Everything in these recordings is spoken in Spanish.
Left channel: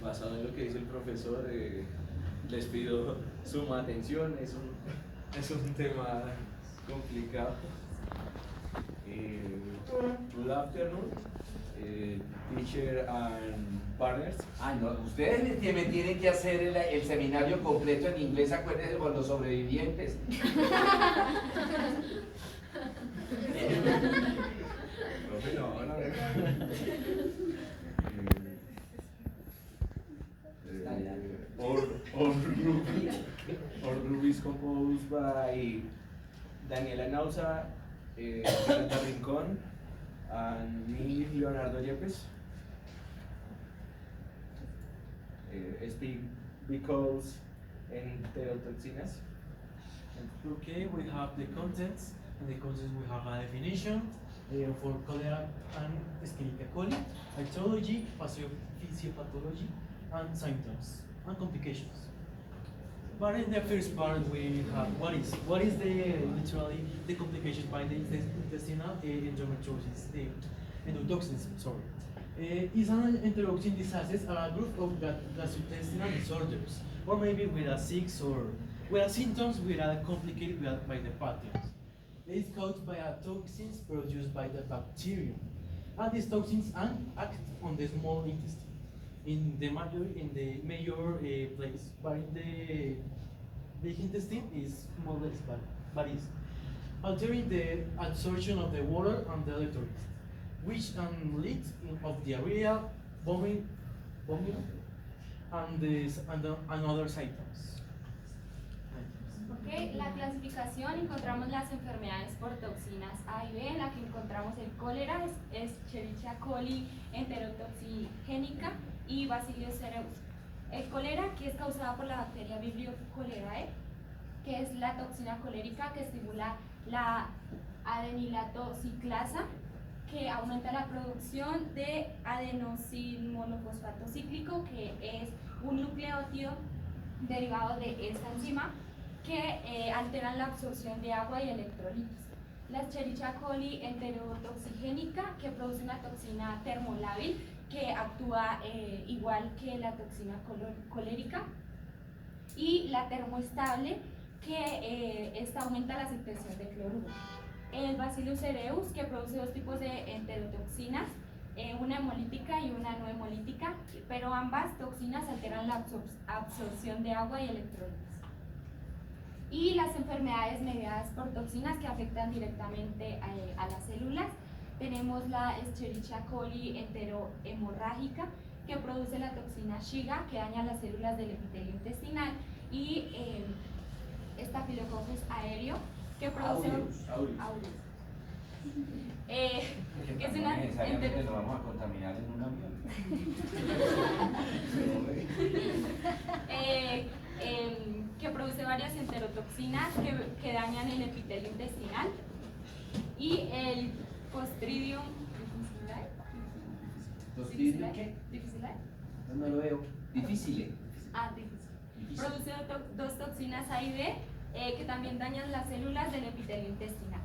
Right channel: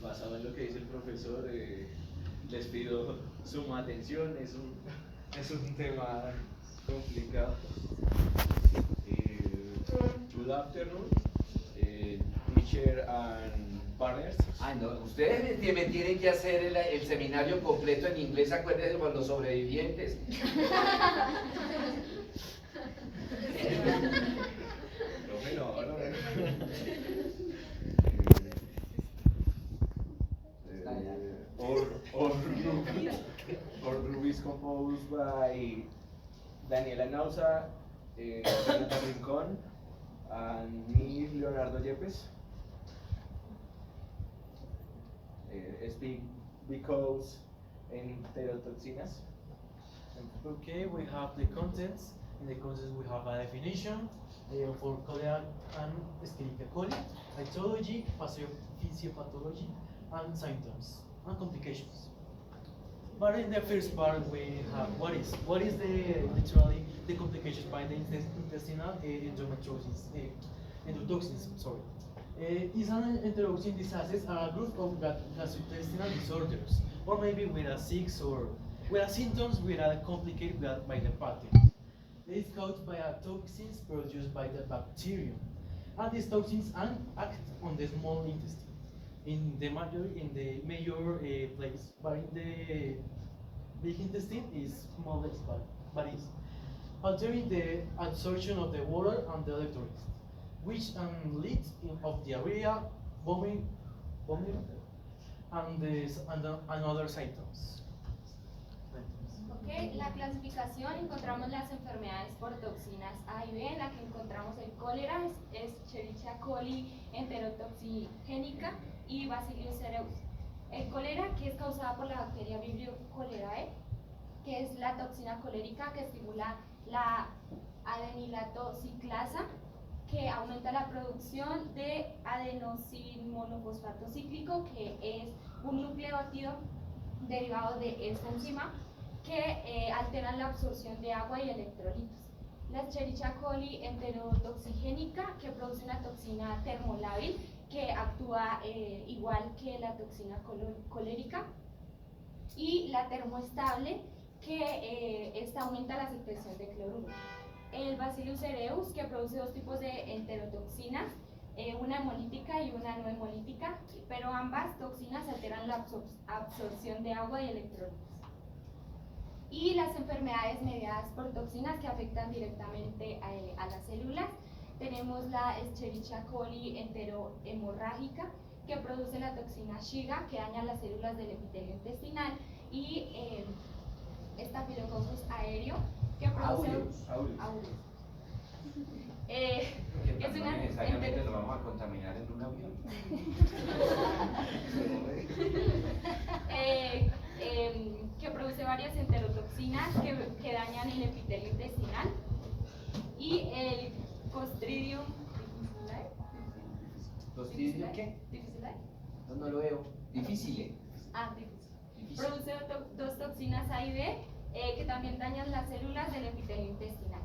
Basado en lo que dice el profesor, les pido suma atención, es un tema complicado. Good afternoon, teacher and partners. Ah, no, ustedes me tienen que hacer el seminario completo en inglés, acuérdense con los sobrevivientes. Profe, no. Our group is composed by Daniela Nausa, Brenda Rincón, and me, Leonardo Yepes. Speak because enterotoxinas. Okay, we have the contents. In the contents we have a definition for cholera and Escherichia coli, etiology, physiopathology, and symptoms and complications. But in the first part we have what is the literally the complications by the intestinal endometriosis, the endotoxins. Sorry, is an enterotoxin diseases are a group of gastrointestinal disorders, or maybe with a six or with symptoms which are complicated by the pathogens. It is caused by toxins produced by the bacterium, and these toxins act on the small intestine in the major place, but in the big intestine is more or less, but is altering the absorption of the water and the electrolytes, which leads of diarrhea, vomit, and other symptoms. Okay, la clasificación encontramos las enfermedades por toxinas A y B, en la que encontramos el cólera, Escherichia coli enterotoxigénica y Bacillus cereus. El cólera, que es causada por la bacteria Vibrio cholerae, que es la toxina colérica que estimula la adenilato ciclasa, que aumenta la producción de adenosinmonofosfato cíclico, que es un nucleótido derivado de esta enzima que alteran la absorción de agua y electrolitos. La Escherichia coli enterotoxigénica, que produce una toxina termolábil que actúa igual que la toxina colérica, y la termoestable, que esta aumenta la secreción de cloruro. El Bacillus cereus, que produce dos tipos de enterotoxinas, una hemolítica y una no hemolítica, pero ambas toxinas alteran la absorción de agua y electrolitos. Y las enfermedades mediadas por toxinas que afectan directamente a las células, tenemos la Escherichia coli enterohemorrágica, que produce la toxina Shiga, que daña las células del epitelio intestinal, y Staphylococcus aéreo, que produce aureus. Es una necesariamente nos vamos a contaminar en un avión. Que produce varias enterotoxinas que dañan el epitelio intestinal, y el Clostridium ¿Clostridium qué? difficile. No lo veo. Difícil. Difícil. Produce dos toxinas A y B que también dañan las células del epitelio intestinal.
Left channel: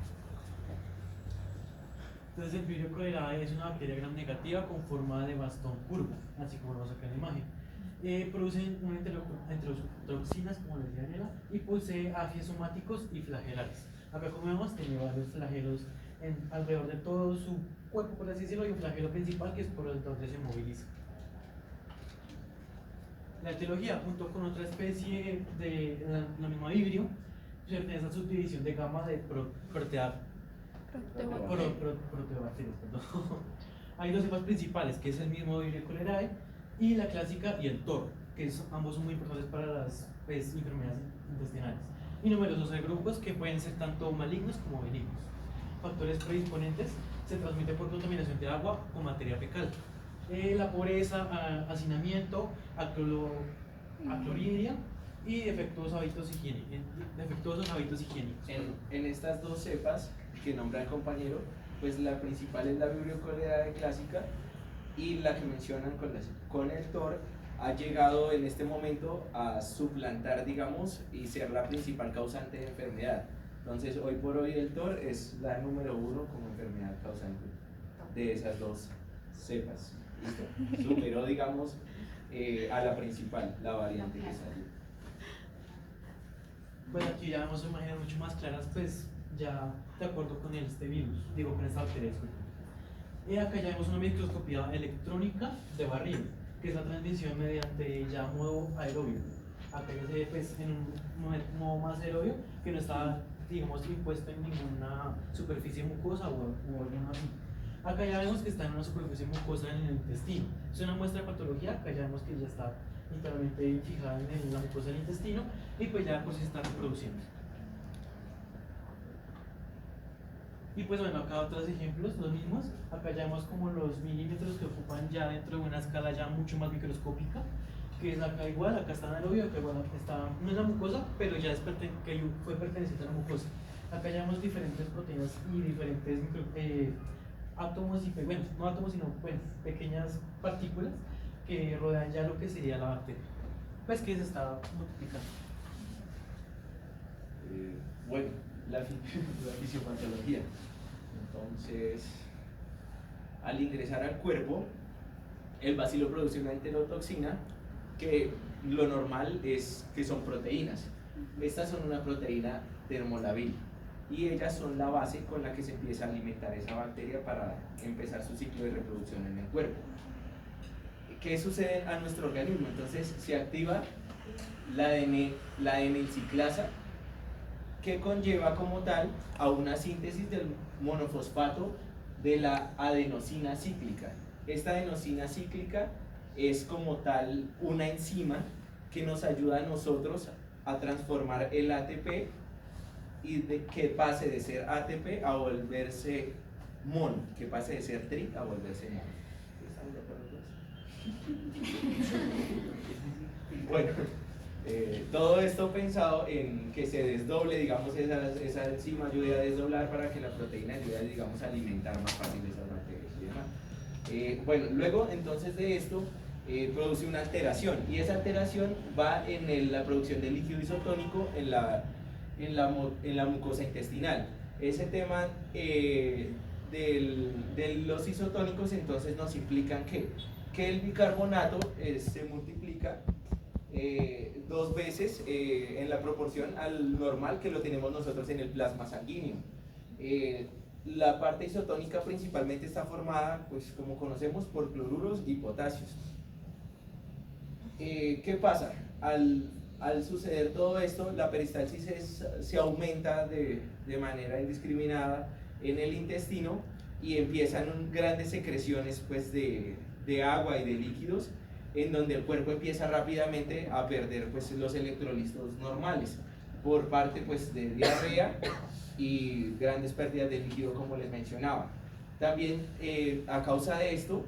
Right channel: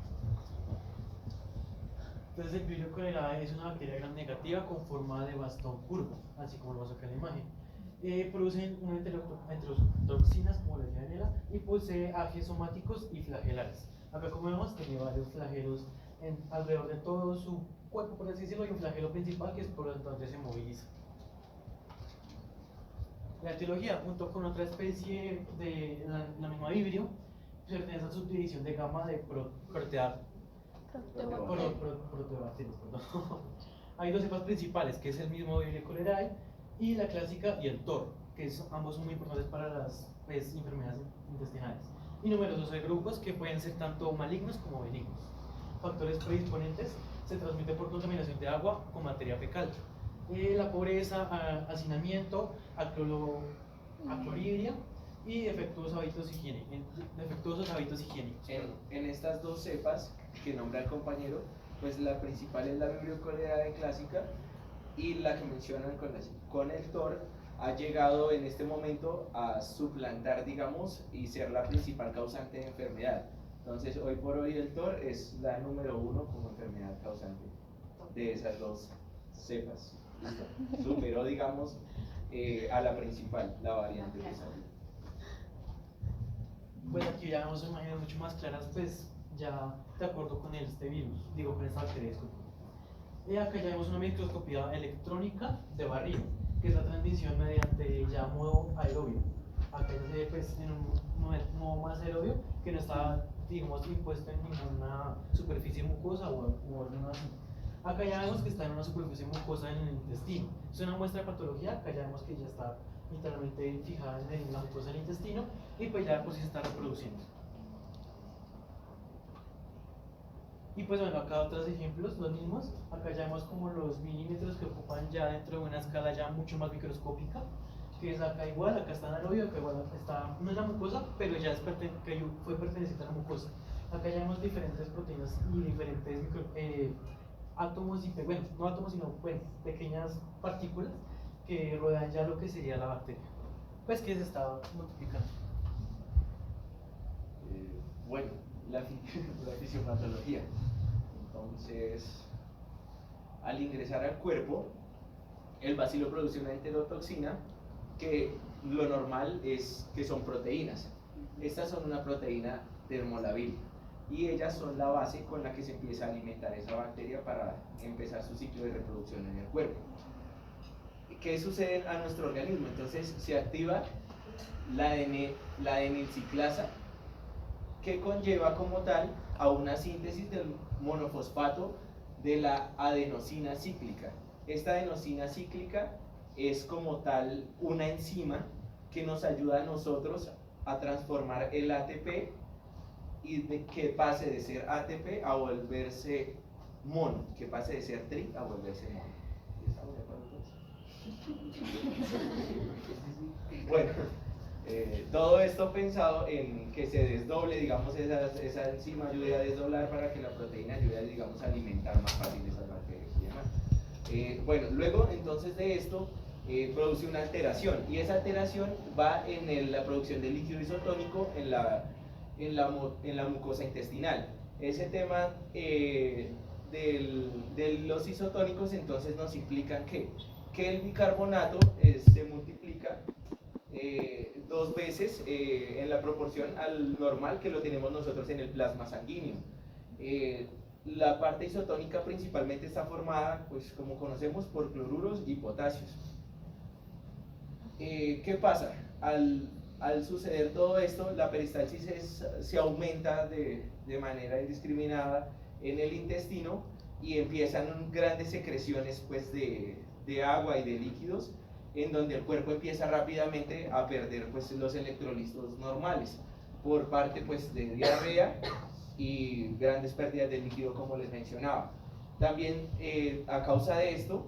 Entonces el Vibrio cholerae es una bacteria gram negativa con forma de bastón curvo, así como lo vemos acá en la imagen. Producen enterotoxinas, como les decía Daniela, y posee ácidos somáticos y flagelares. Acá, como vemos, tiene varios flagelos alrededor de todo su cuerpo, por así decirlo, y un flagelo principal que es por donde se moviliza. La etiología, junto con otra especie de la misma Vibrio, pertenece a su subdivisión de gama de proteobacterias. Hay dos cepas principales, que es el mismo Vibrio cholerae y la clásica y el TOR, que ambos son muy importantes para las enfermedades intestinales. Y numerosos grupos que pueden ser tanto malignos como benignos. Factores predisponentes: se transmite por contaminación de agua con materia fecal. La pobreza, hacinamiento, acloridria y defectuosos hábitos higiénicos. En estas dos cepas que nombra el compañero, pues la principal es la Vibrio cholerae clásica, y la que mencionan con el TOR ha llegado en este momento a suplantar, digamos, y ser la principal causante de enfermedad. Entonces, hoy por hoy el TOR es la número 1 como enfermedad causante de esas dos cepas. ¿Listo? Superó, digamos, a la principal, la variante que salió. Pues aquí ya vemos imágenes mucho más claras, pues ya de acuerdo con este virus, digo con esta bacteria, disculpe. Y acá ya vemos una microscopía electrónica de barrido, que es la transmisión mediante ya modo aerobio. Acá ya se ve pues en un modo más aerobio que no está, digamos, impuesto en ninguna superficie mucosa o algo así. Acá ya vemos que está en una superficie mucosa en el intestino. Es una muestra de patología, acá ya vemos que ya está literalmente fijada en la mucosa del intestino y pues ya por si se está reproduciendo. Y pues bueno, acá otros ejemplos, los mismos. Acá ya vemos como los milímetros que ocupan ya dentro de una escala ya mucho más microscópica, que es acá igual, acá está en aerobio, acá igual está, no es la mucosa, pero ya es que fue perteneciente a la mucosa. Acá ya vemos diferentes proteínas y diferentes átomos y, bueno, no átomos, sino bueno, pequeñas partículas que rodean ya lo que sería la bacteria, pues que se está multiplicando. Bueno, la fisiopatología. Entonces, al ingresar al cuerpo, el bacilo produce una enterotoxina que lo normal es que son proteínas. Estas son una proteína termolabil y ellas son la base con la que se empieza a alimentar esa bacteria para empezar su ciclo de reproducción en el cuerpo. ¿Qué sucede a nuestro organismo? Entonces se activa la adenilciclasa, que conlleva como tal a una síntesis del monofosfato de la adenosina cíclica. Esta adenosina cíclica es como tal una enzima que nos ayuda a nosotros a transformar el ATP y que pase de ser ATP a volverse mono, que pase de ser tri a volverse mono. ¿Estamos de acuerdo con eso? Bueno, todo esto pensado en que se desdoble, digamos, esa enzima ayude a desdoblar para que la proteína ayude, digamos, a alimentar más fácil esas bacterias y demás. Bueno, luego entonces de esto produce una alteración y esa alteración va en la producción de líquido isotónico en la mucosa intestinal. Ese tema de los isotónicos entonces nos implican que el bicarbonato se multiplica 2 veces en la proporción al normal que lo tenemos nosotros en el plasma sanguíneo. La parte isotónica principalmente está formada, pues como conocemos, por cloruros y potasios. ¿Qué pasa? Al suceder todo esto, la peristalsis se aumenta de manera indiscriminada en el intestino y empiezan grandes secreciones pues, de agua y de líquidos, en donde el cuerpo empieza rápidamente a perder pues, los electrolitos normales por parte pues, de diarrea y grandes pérdidas de líquido como les mencionaba. También a causa de esto,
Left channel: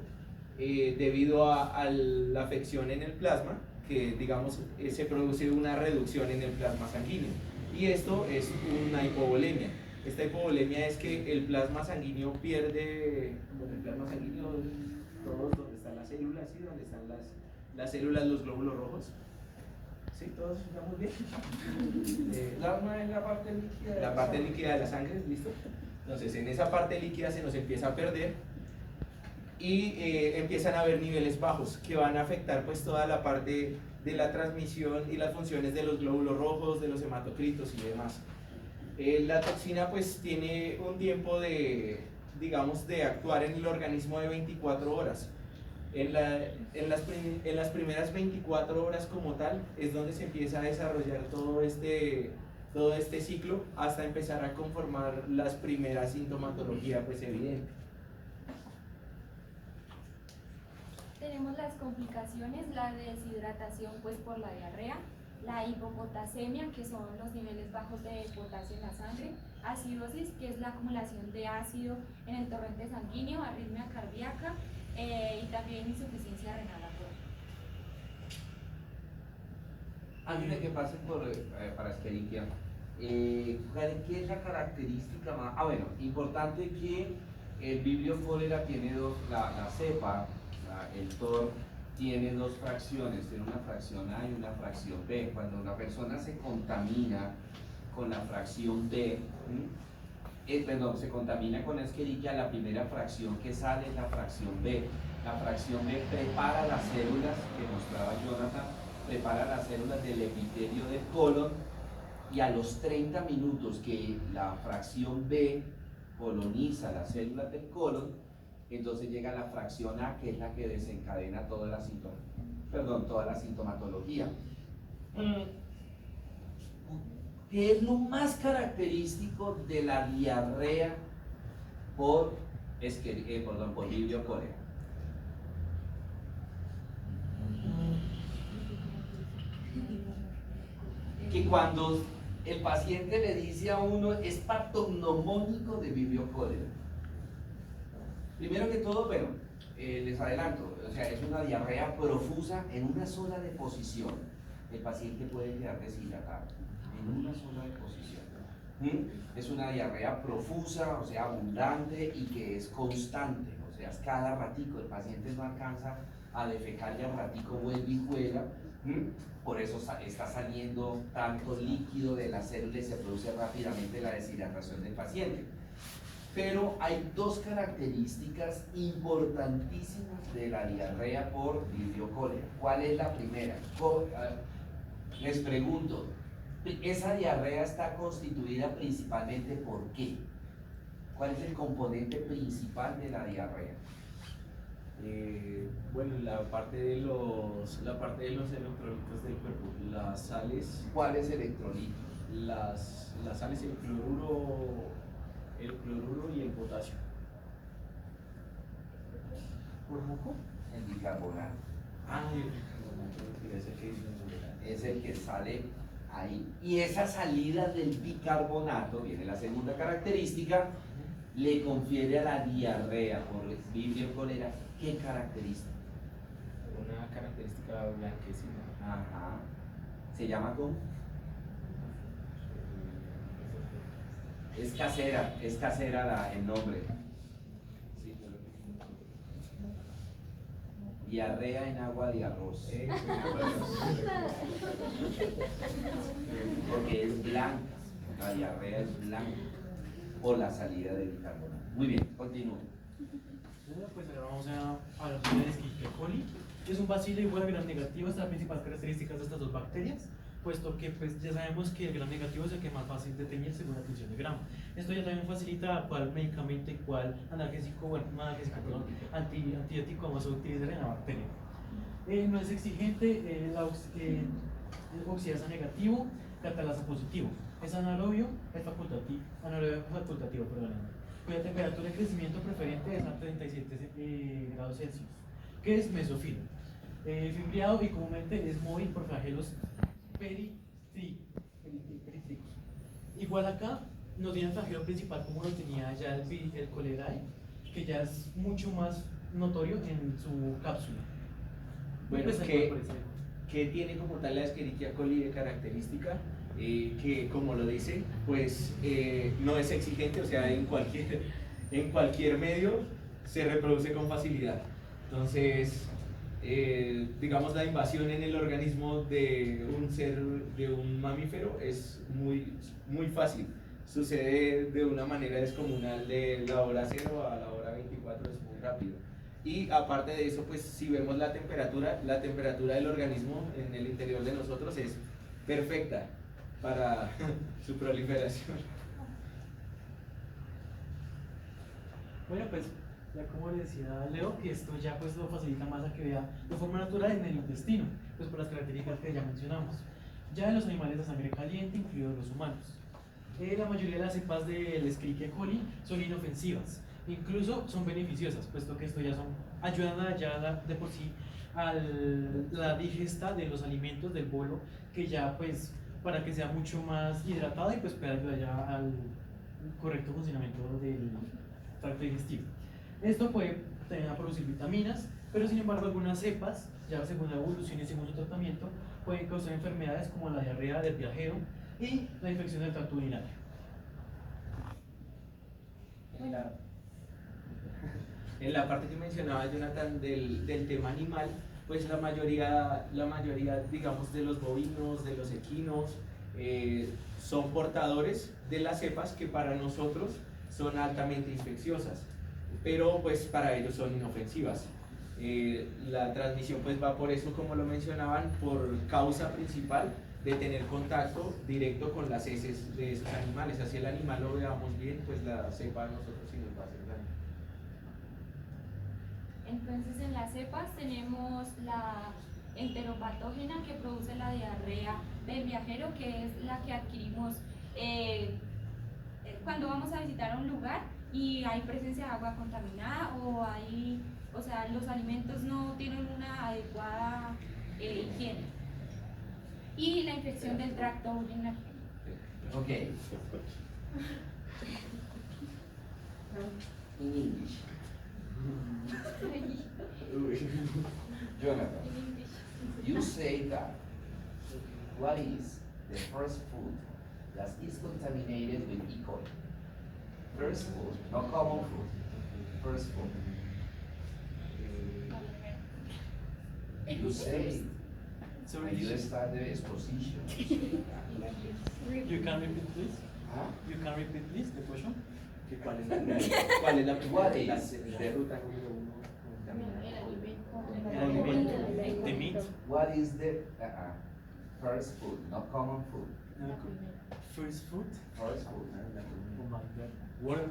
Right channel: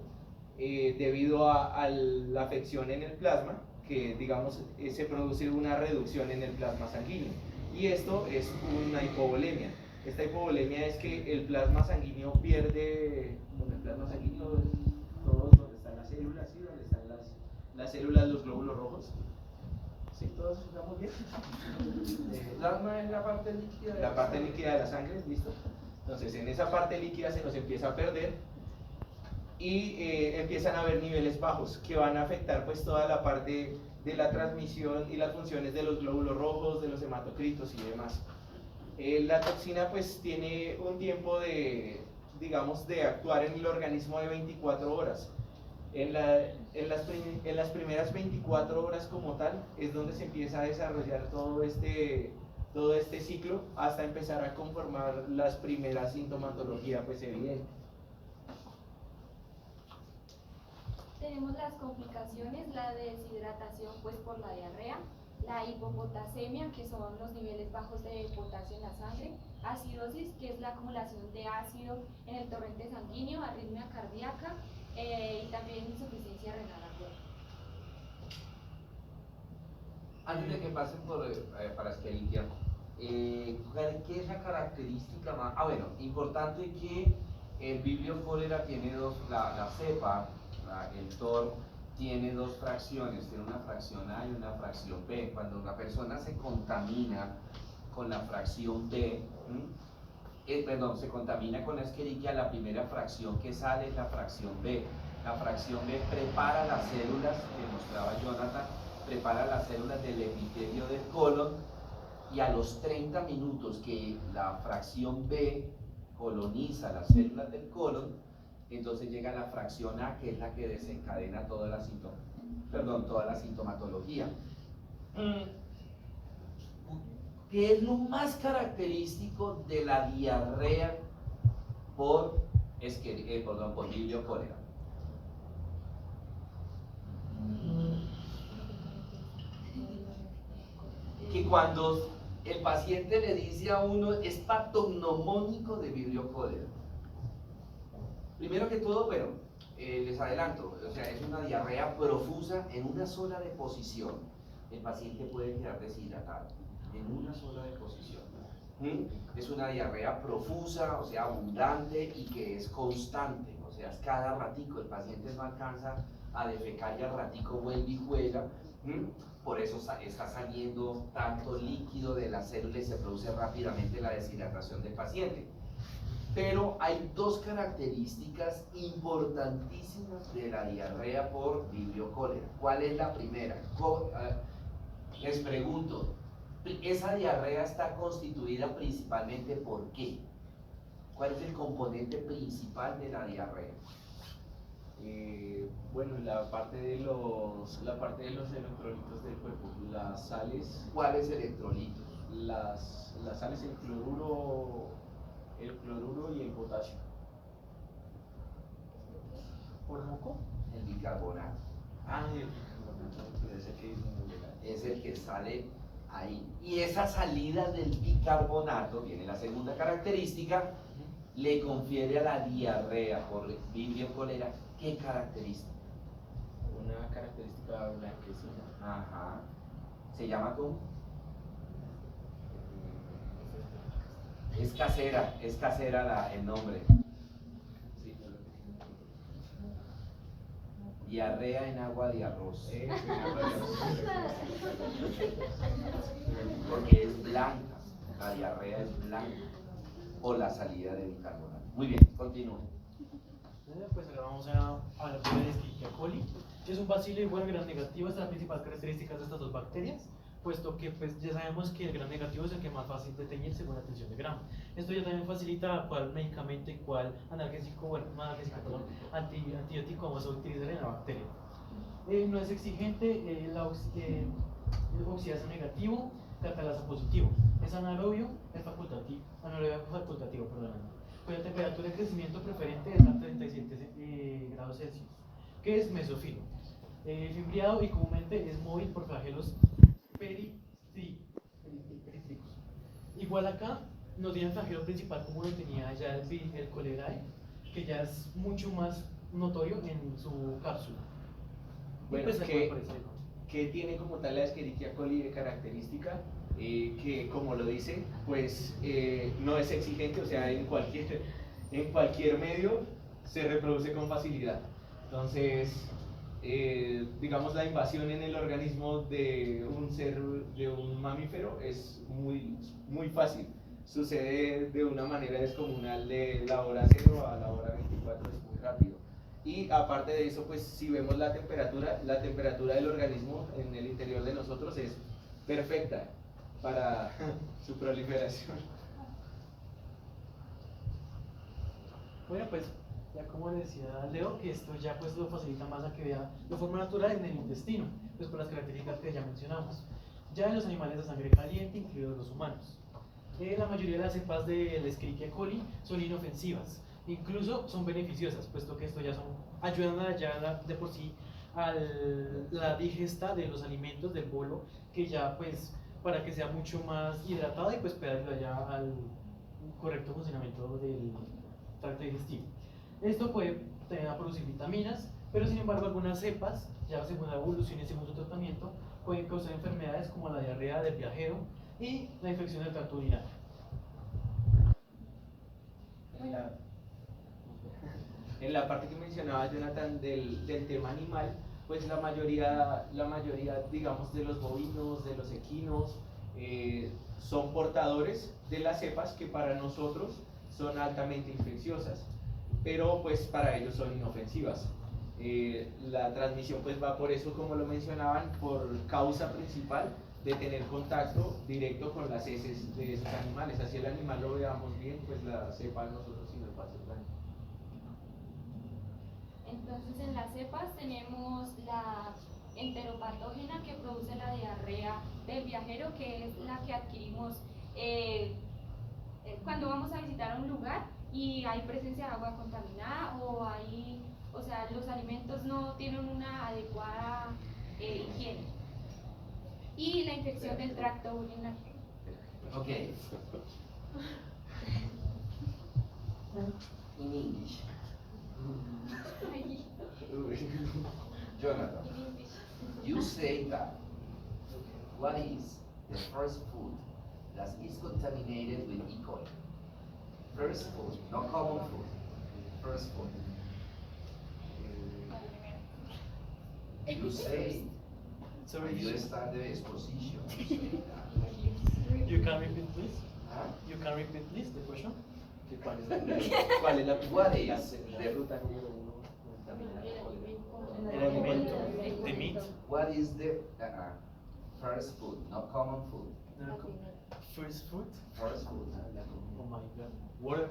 debido a la afección en el plasma, que digamos se produce una reducción en el plasma sanguíneo y esto es una hipovolemia. Esta hipovolemia es que el plasma sanguíneo pierde, bueno, el plasma sanguíneo, todos donde están las células, ¿sí? Donde están las células, los glóbulos rojos. ¿Sí? ¿Todos estamos bien? Plasma es la parte líquida. La parte líquida de la sangre, ¿listo? Entonces en esa parte líquida se nos empieza a perder y empiezan a haber niveles bajos que van a afectar pues toda la parte de la transmisión y las funciones de los glóbulos rojos, de los hematocritos y demás. La toxina pues tiene un tiempo de, digamos, de actuar en el organismo de 24 horas. En las primeras 24 horas como tal es donde se empieza a desarrollar todo este ciclo hasta empezar a conformar las primeras sintomatologías pues evidentes. Tenemos las complicaciones, la deshidratación pues por la diarrea, la hipopotasemia, que son los niveles bajos de potasio en la sangre, acidosis, que es la acumulación de ácido en el torrente sanguíneo, arritmia cardíaca y también insuficiencia renal aguda. Antes de que pasen para Escherichia, ¿qué es la característica más? Bueno, importante que el Vibrio cholera tiene la cepa, el TOR tiene 2 fracciones, tiene una fracción A y una fracción B. Cuando una persona se contamina con la fracción B, se contamina con Escherichia, la primera fracción que sale es la fracción B. La fracción B prepara las células que mostraba Jonathan, prepara las células del epitelio del colon, y a los 30 minutos que la fracción B coloniza las células del colon, entonces llega la fracción A, que es la que desencadena toda la sintomatología. ¿Qué es lo más característico de la diarrea por Vibrio cólera? Que cuando el paciente le dice a uno es patognomónico de Vibrio cólera. Primero que todo, pero les adelanto, o sea, es una diarrea profusa en una sola deposición. El paciente puede quedar deshidratado en una sola deposición. Es una diarrea profusa, o sea, abundante y que es constante, o sea, es cada ratico. El paciente no alcanza a defecar y al ratico vuelve y juega. Por eso está saliendo tanto líquido de la célula y se produce rápidamente la deshidratación del paciente. Pero hay dos características importantísimas de la diarrea por Vibrio cólera. ¿Cuál es la primera? Les pregunto, ¿esa diarrea está constituida principalmente por qué? ¿Cuál es el componente principal de la diarrea? Bueno, la parte de los electrolitos del cuerpo, las sales. ¿Cuáles electrolitos? Las sales, el cloruro y el potasio. ¿Por moco? El bicarbonato. Es el que sale ahí. Y esa salida del bicarbonato, viene la segunda característica, le confiere a la diarrea por Vibrio cólera, ¿qué característica? Una característica blanquecina. Ajá. ¿Se llama cómo? Es casera el nombre. Sí, Diarrea en agua de arroz. Porque es blanca, la diarrea es blanca por la salida del bicarbonato. Muy bien, continúe. Pues ahora vamos a hablar sobre el Escherichia coli. Es un bacilo igual a gram negativo, es la principal característica de estas dos bacterias, puesto que pues, ya sabemos que el gram negativo es el que más fácil de teñir según la tensión de gramo. Esto ya también facilita cuál medicamento y cuál analgésico, bueno, no analgésico, perdón, antibiótico vamos a utilizar en la bacteria. No es exigente, oxidasa negativo, catalasa positivo. Es anaerobio, es facultativo, perdón, cuya temperatura de crecimiento preferente es a 37 grados Celsius, que es mesófilo. Fimbriado y comúnmente es móvil por flagelos perítlicos. Igual acá no tiene el flagelo principal como lo tenía ya el Cholerae, que ya es mucho más notorio en su cápsula. Bueno, Pues, ¿qué tiene como tal la Escherichia coli de característica? Que como lo dice, pues no es exigente, o sea, en cualquier medio se reproduce con facilidad. Entonces, digamos, la invasión en el organismo de un mamífero es muy fácil. Sucede de una manera descomunal de la hora 0 a la hora 24, es muy rápido. Y aparte de eso, pues si vemos la temperatura del organismo en el interior de nosotros es perfecta para su proliferación. Bueno, pues ya como le decía Leo, que esto ya pues lo facilita más a que vea de forma natural en el intestino, pues por las características que ya mencionamos. Ya en los animales de sangre caliente, incluidos los humanos. La mayoría de las cepas del Escherichia coli son inofensivas, incluso son beneficiosas, puesto que esto ayudan de por sí a la digesta de los alimentos del bolo, que ya pues para que sea mucho más hidratada y pues pueda ayudar ya al correcto funcionamiento del tracto digestivo. Esto puede producir vitaminas, pero sin embargo algunas cepas, ya según la evolución y según su tratamiento, pueden causar enfermedades como la diarrea del viajero y la infección del tracto urinario. En la parte que mencionaba Jonathan del tema animal, pues la mayoría, digamos, de los bovinos, de los equinos, son portadores de las cepas que para nosotros son altamente infecciosas, pero pues para ellos son inofensivas. La transmisión pues va por eso, como lo mencionaban, por causa principal de tener contacto directo con las heces de esos animales. Así el animal lo veamos bien, pues la cepa a nosotros sí nos va a hacer daño. Entonces en las cepas tenemos la enteropatógena que produce la diarrea del viajero, que es la que adquirimos cuando vamos a visitar un lugar y hay presencia de agua contaminada o sea, los alimentos no tienen una adecuada higiene. Y la infección del tracto urinario. Ok. In English. Jonathan, you say that what is the first food that is contaminated with E. coli? First food, not common food. First food. You say, Sorry, you start the exposition. you can repeat please? Huh? You can repeat please the question? ¿Que ¿Cuál es la primera What de is las the- ruta número uno? El alimento, the meat, What is the first food, not common food? first food. First food. Oh my god. Water.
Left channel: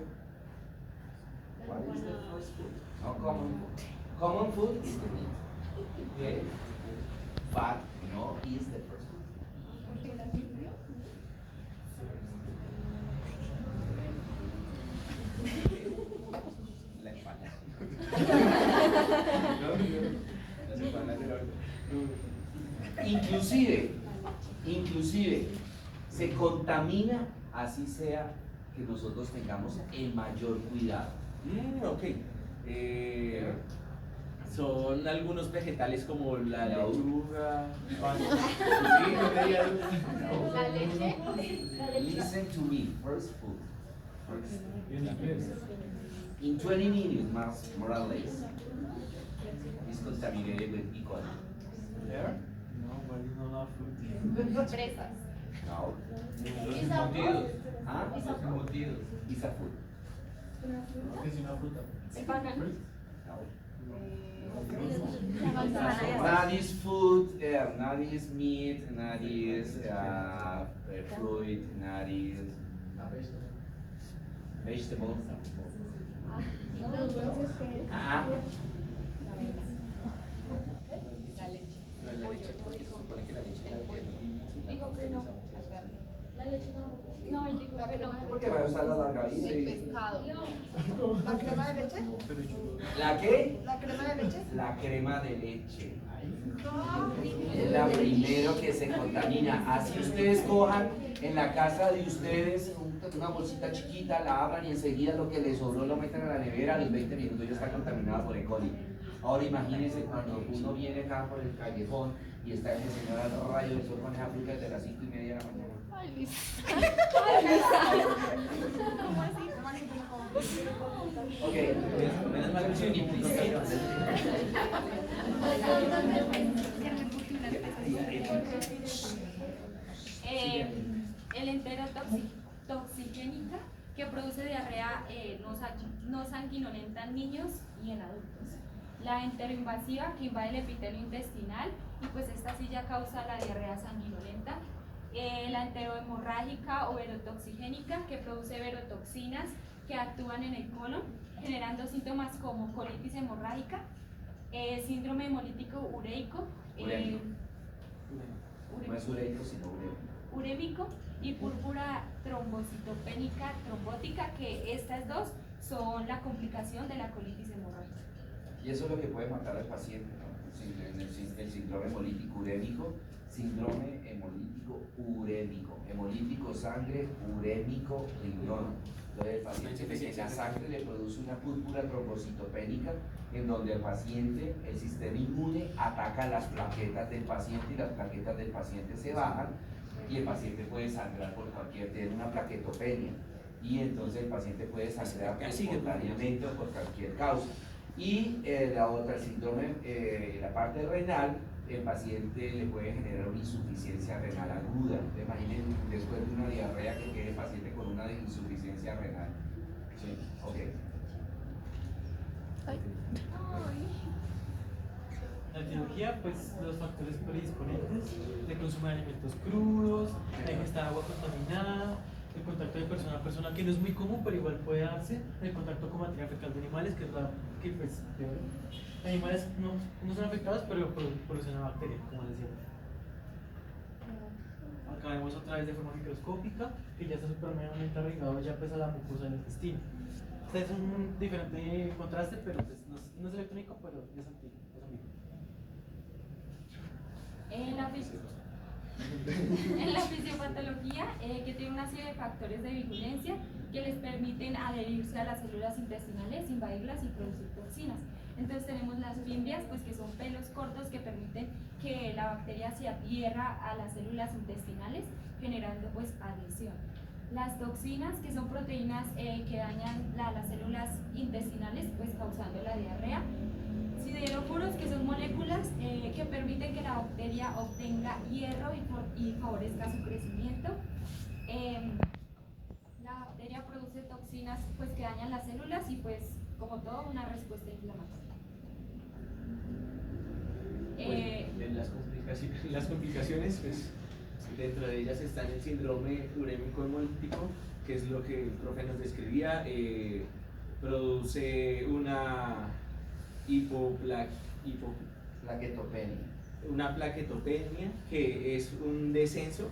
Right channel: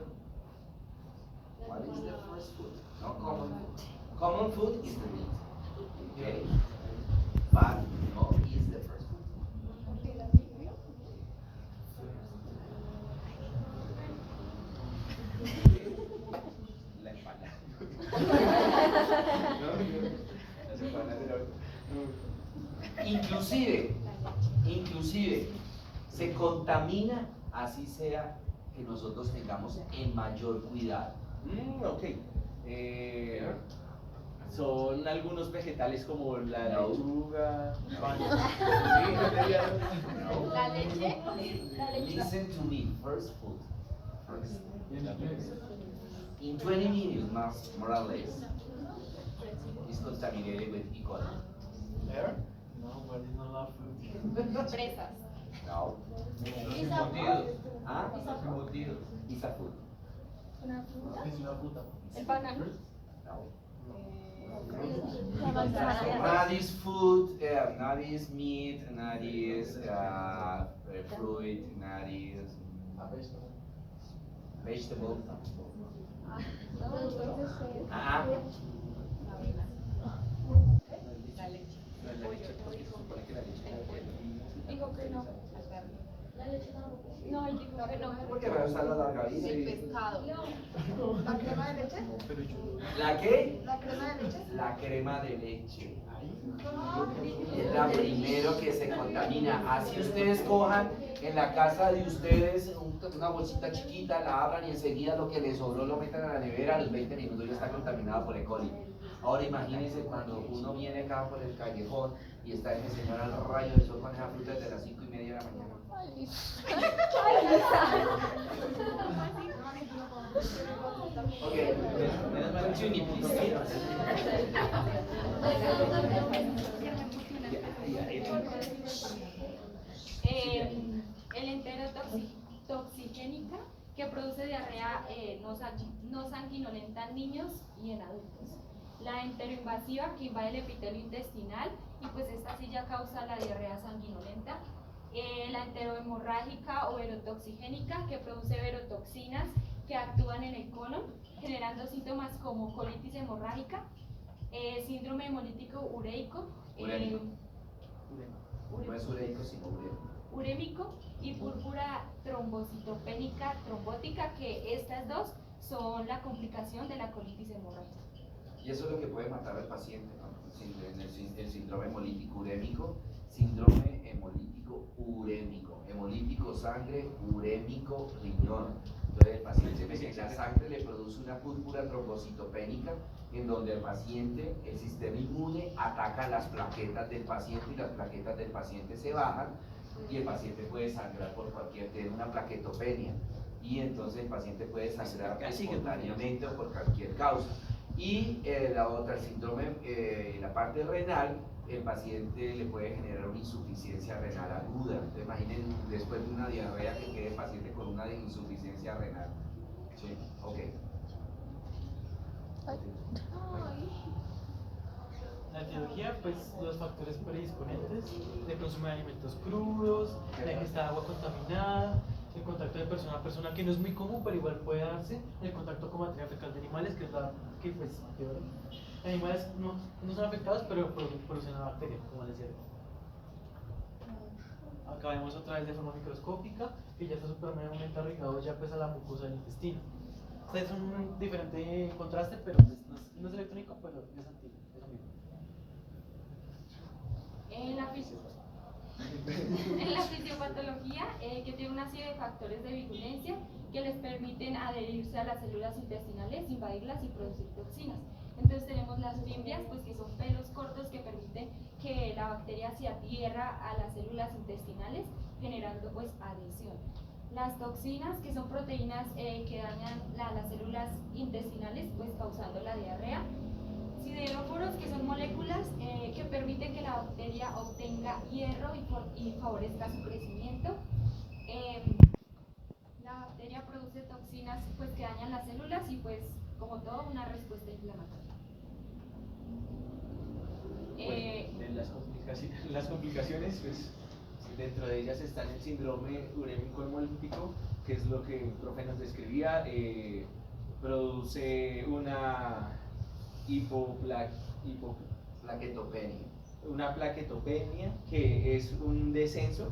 What is the first food? Not common food. Common food is the meat. Okay? But no is the first food. La espalda. Las espaldas de Inclusive, se contamina, así sea que nosotros tengamos el mayor cuidado. Ok. Son algunos vegetales como la No. lechuga. Sí, no. La leche. Listen to me, first food. First. In 20 minutes, more or less, is contaminated with E. coli. Air? No, but it's not love food. Fresas. No. Ah? Is a food. Es una fruta. El plátano. No. La manzana. Not is food, not is meat, not is fruit, not is vegetable. Ajá. Dijo que no. La leche no. No, él dijo que no. Porque me gusta la margarina. Pescado. ¿La crema de leche? ¿La qué? ¿La crema de leche? La crema de leche. Es la primero que se contamina. Así ustedes cojan en la casa de ustedes una bolsita chiquita, la abran y enseguida lo que les sobró lo metan a la nevera, a los 20 minutos ya está contaminada por E. coli. Ahora imagínense cuando uno viene acá por el callejón y está ese señor al rayo de sol con esa fruta desde las 5:30 de la mañana. Okay, continue please. El enterotoxigénica que produce diarrea no sanguinolenta en niños y en adultos. La enteroinvasiva que invade el epitelio intestinal y pues esta sí ya causa la diarrea sanguinolenta. La enterohemorrágica o verotoxigénica que produce verotoxinas que actúan en el colon generando síntomas como colitis hemorrágica, síndrome hemolítico ureico, Urémico. No es ureico, sino urémico y púrpura trombocitopénica trombótica, que estas dos son la complicación de la colitis hemorrágica. Y eso es lo que puede matar al paciente, ¿no? El síndrome hemolítico urémico, síndrome hemolítico urémico, hemolítico sangre, urémico riñón. Entonces el paciente en la sangre le produce una púrpura trombocitopénica en donde el paciente, el sistema inmune ataca las plaquetas del paciente y las plaquetas del paciente se bajan y el paciente puede sangrar por cualquier, tiene una plaquetopenia y entonces el paciente puede sangrar espontáneamente o por cualquier causa. Y la otra, el síndrome, la parte renal, el paciente le puede generar una insuficiencia renal aguda. Entonces, imaginen después de una diarrea que quede el paciente con una insuficiencia renal. ¿Sí? Ok. La fisiología, pues los factores predisponentes de consumo de alimentos crudos, la ingesta de agua contaminada, el contacto de persona a persona, que no es muy común, pero igual puede darse, el contacto con materia fecal de animales, que es la que pues peor. Animales no son afectados, pero producen una bacteria, como les decía. Acá vemos otra vez de forma microscópica, que ya está supremamente arraigado ya pues a la mucosa del intestino. Este es un diferente contraste, pero pues, no es electrónico, pero es antiguo. En la fisiopatología, que tiene una serie de factores de virulencia que les permiten adherirse a las células intestinales, invadirlas y producir toxinas. Entonces tenemos las fimbrias, pues que son pelos cortos que permiten que la bacteria se adhiera a las células intestinales, generando pues adhesión. Las toxinas, que son proteínas que dañan las células intestinales, pues causando la diarrea. Sideróforos, que son moléculas que permiten que la bacteria obtenga hierro y favorezca su crecimiento. La bacteria produce toxinas pues, que dañan las células y pues como todo una respuesta inflamatoria. Las complicaciones, pues dentro de ellas están el síndrome urémico hemolítico, que es lo que el profe nos describía, produce una una plaquetopenia, que es un descenso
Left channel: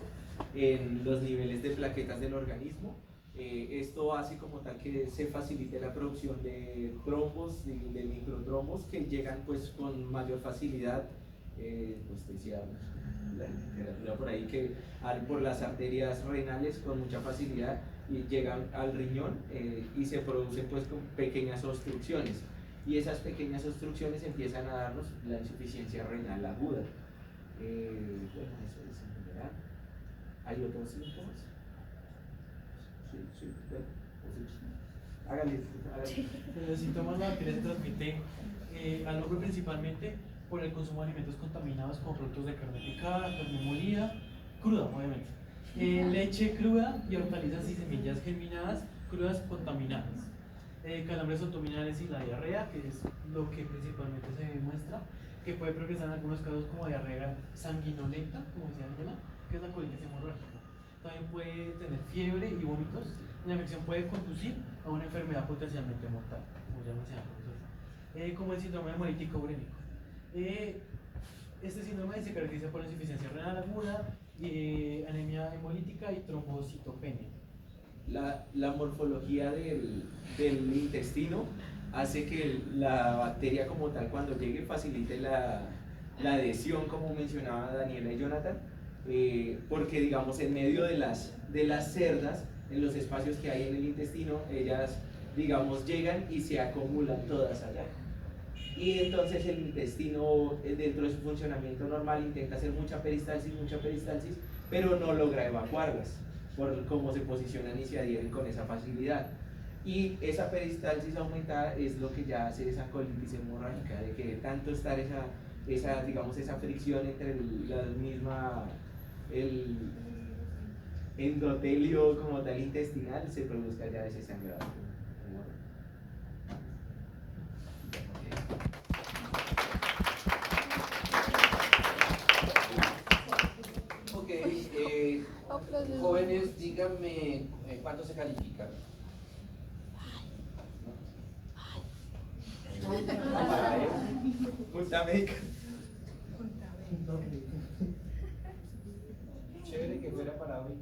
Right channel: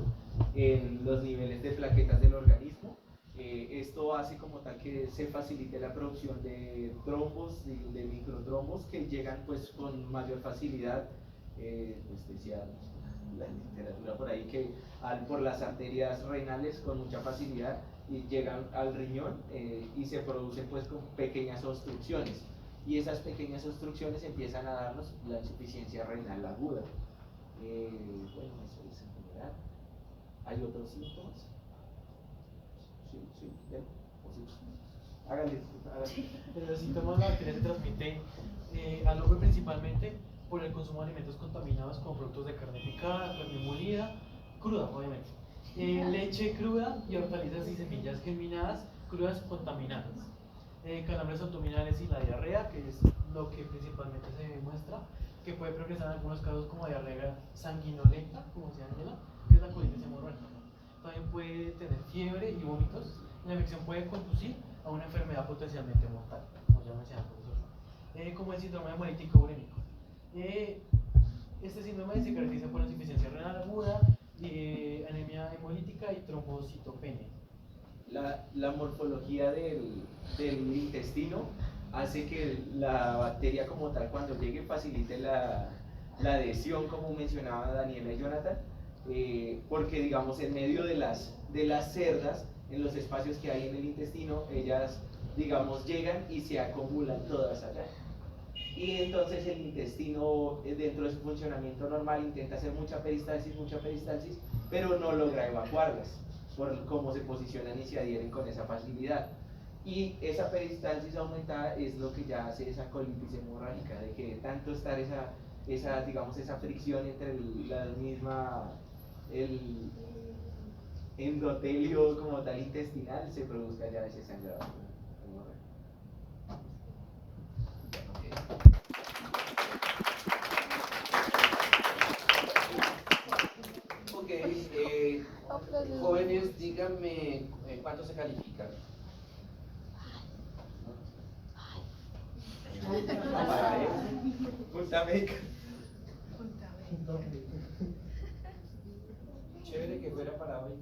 en los niveles de plaquetas del organismo. Esto hace como tal que se facilite la producción de trombos y de microtrombos que llegan pues con mayor facilidad, pues decía la literatura por ahí, que por las arterias renales con mucha facilidad y llegan al riñón y se producen pues con pequeñas obstrucciones. Y esas pequeñas obstrucciones empiezan a darnos la insuficiencia renal aguda. Bueno, eso es en general. ¿Hay otros síntomas? Sí, ven. Háganle. Los síntomas, la bacteria se transmite al hombre principalmente por el consumo de alimentos contaminados como productos de carne picada, carne molida, cruda, obviamente. Leche cruda y hortalizas y semillas germinadas crudas contaminadas. Calambres abdominales y la diarrea, que es lo que principalmente se demuestra, que puede progresar en algunos casos como diarrea sanguinolenta, como se llama, que es la colitis hemorrágica. También puede tener fiebre y vómitos. La infección puede conducir a una enfermedad potencialmente mortal, como ya mencionaba el profesor, como el síndrome hemolítico urémico. Este síndrome se caracteriza por insuficiencia renal aguda, anemia hemolítica y trombocitopenia. La morfología del intestino hace que la bacteria como tal, cuando llegue, facilite la adhesión, como mencionaba Daniela y Jonathan, porque digamos en medio de las cerdas, en los espacios que hay en el intestino, ellas digamos llegan y se acumulan todas allá. Y entonces el intestino, dentro de su funcionamiento normal, intenta hacer mucha peristalsis, pero no logra evacuarlas por cómo se posicionan y se adhieren con esa facilidad. Y esa peristalsis aumentada es lo que ya hace esa colitis hemorrágica, de que tanto estar esa fricción entre el endotelio como tal intestinal, se produzca ya ese sangrado. Ok, jóvenes, díganme cuánto se califican. Punta médica. Chévere que fuera para hoy.